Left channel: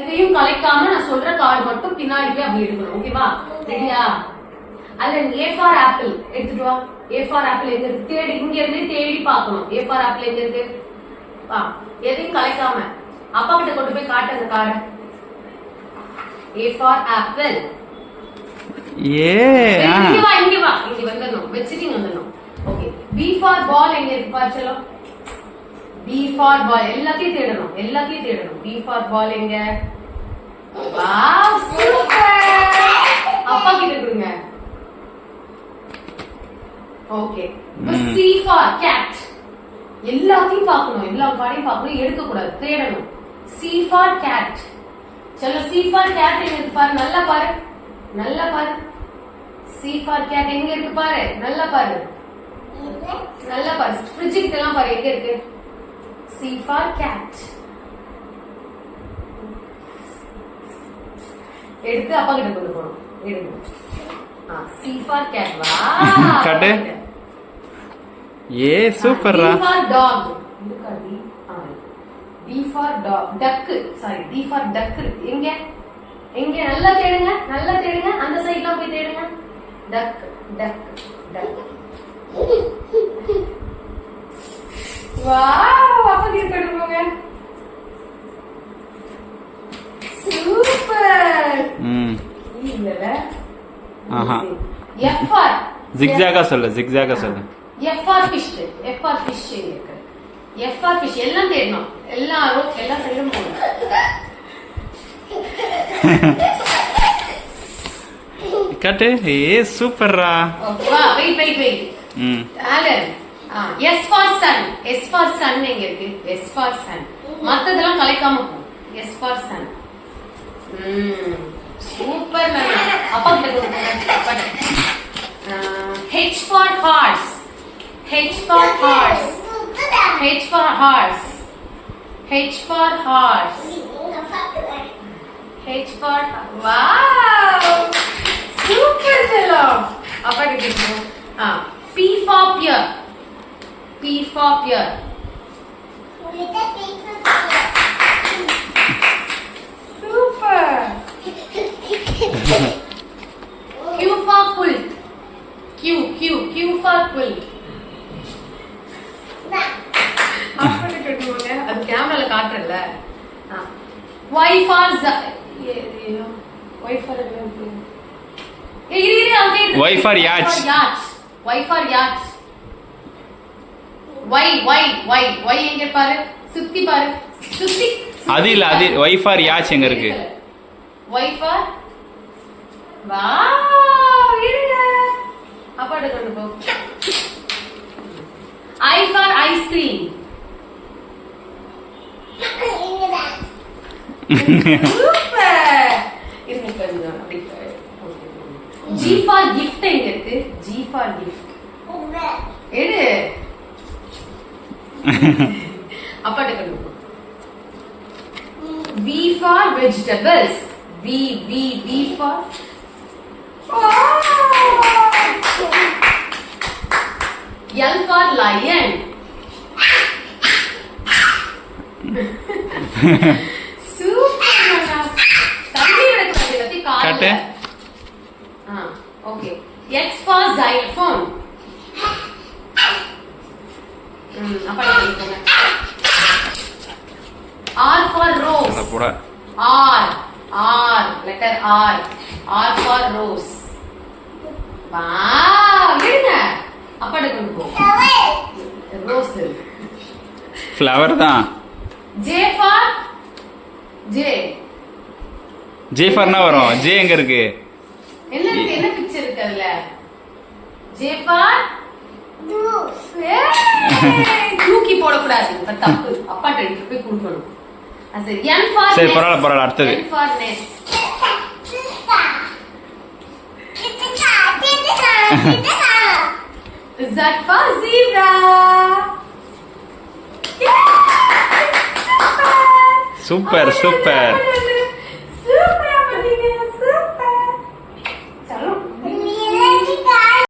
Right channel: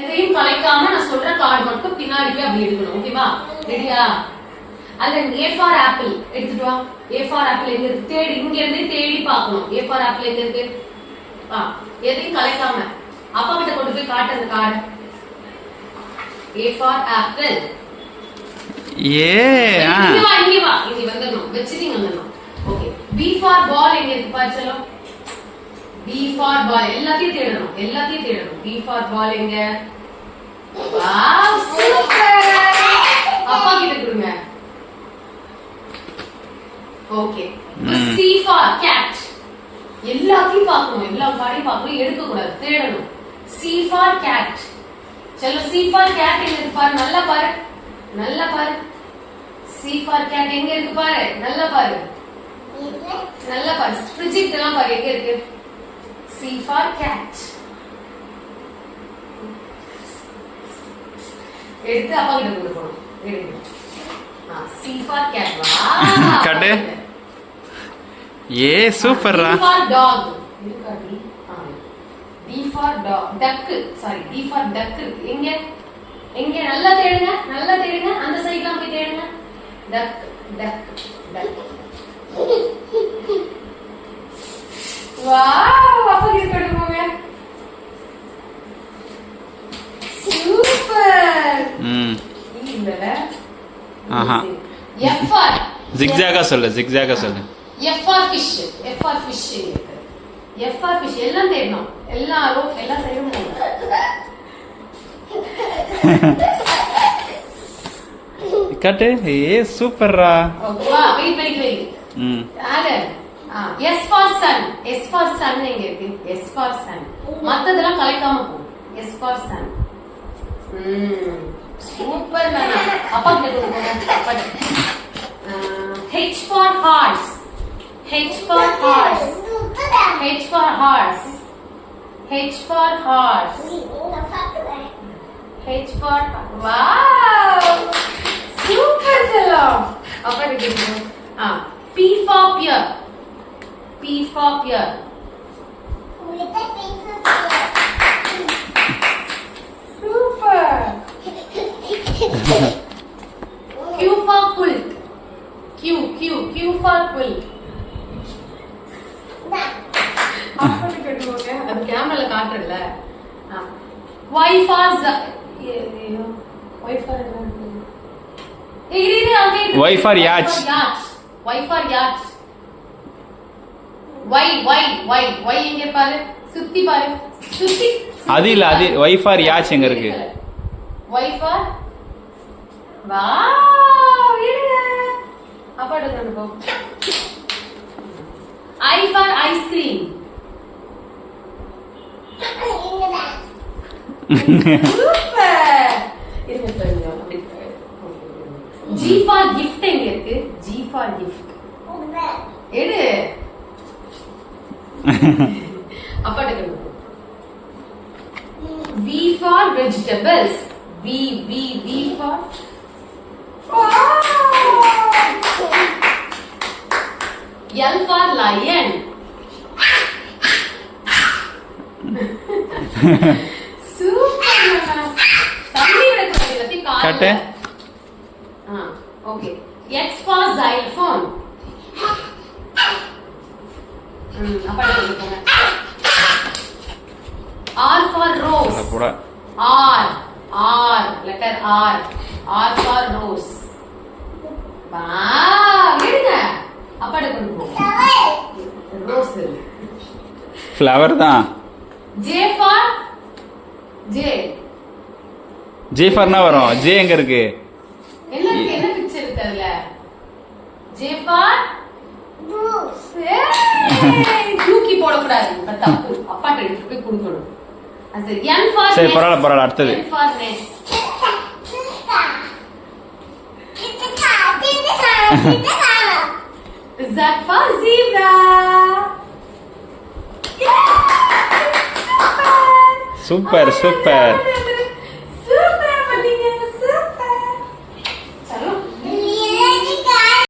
எதையும் கலைக்காம நான் சொல்ற கார்டு மட்டும் பின்னாடி போய் அப்படி எடுக்கணும். ஓகேவா? ரெடியா? அல்ல A for apple எடுத்துட்டு வா. A for apple எங்க இருக்கு? தேடி இங்க இருந்து தேடி பார்க்கணும். A for apple எங்க இருக்கு? வா. எதையும் கலைக்காம அப்பா கிட்ட கொண்டு போய் காட்டு அந்த கார்டு. A for apple. இங்க வா இங்க வந்துடணும். வெச்சிட்டிங் வந்துடணும். ஓகே. B for ball எங்க இருக்கு பாரு செல்லம்? B for ball எல்லாத்தையும் தேடணும். B for ball எங்க? Wow super. அப்பா கிட்ட கொடுங்க. ஓகே. C for cat எல்லாத்தையும் பார்க்கணும். எல்லா கார்டையும் பார்க்கணும். எடுக்க கூடாது. தேடணும். C for cat. चलो C for cat எங்க இருக்கு பாரு. நல்லா பாரு. C for cat எங்க இருக்கு பாரு. நல்லா பாரு. ஃப்ரிட்ஜ் கிட்டலாம் பாரு எங்க இருக்கு. C for cat. எடுத்து அப்பா கிட்ட கொண்டு போறோம். எடுங்க. C for cat வா. கட்டு. சூப்பர்ரா. D for dog. D for dog. duck. Sorry D for duck. எங்க நல்லா தேடுங்க. அந்த சைடுல போய் தேடுங்க. duck. வாவ் அப்பா கிட்ட போடுங்க. சூப்பர். இல்லல. F for zigzag சொல்லு. F for fish இருக்கு. F for fish எல்லாம் தேடணும். எல்லா சைடும் போகணும். கட்டு. சூப்பர்ரா. வா wait. Alan. S for sun எங்க இருக்கு? S for sun. மத்ததெல்லாம் கலைக்காம போ. S for sun. Super ma'am. அப்பா கிட்ட போங்க. H for horse. Wow! Super செல்லம். அப்பா கிட்ட போங்க. P for pear. Super. Q for quilt. Q for quilt. அது கேமரால காட்டுறல. Y for Y for yacht. Y எங்க பாரு. சுத்தி பாரு. அது இல்ல. Y for yacht எங்க இருக்கு? Y for வாவ் இருங்க. அப்பா கொண்டு போ. I for ice cream. Super. இருங்க பாருங்க. G for gift எங்க இருக்கு? G for gift. எடு. அப்பா கொண்டு போ. V for vegetables. V for L for lion. Super. தண்ணி விடுறது கட்டு. ஓகே. X for xylophone. அப்பா போங்க. R for rose. போடா. R letter R for rose. Wow இருங்க. அப்பா கொண்டு போ. ரோஸ் ஃப்ளவர் தான். J for J ஃபார்னா வரும். J எங்க இருக்கு? என்ன பிக்சர் இருக்கு அதுல? J for தூக்கி போட கூடாது. தப்பு. அப்பா எடுத்து போய் கொடுக்கணும். சரி N for சரி பரவாயில்ல அடுத்தது. N for nest. Z for zebra. Super.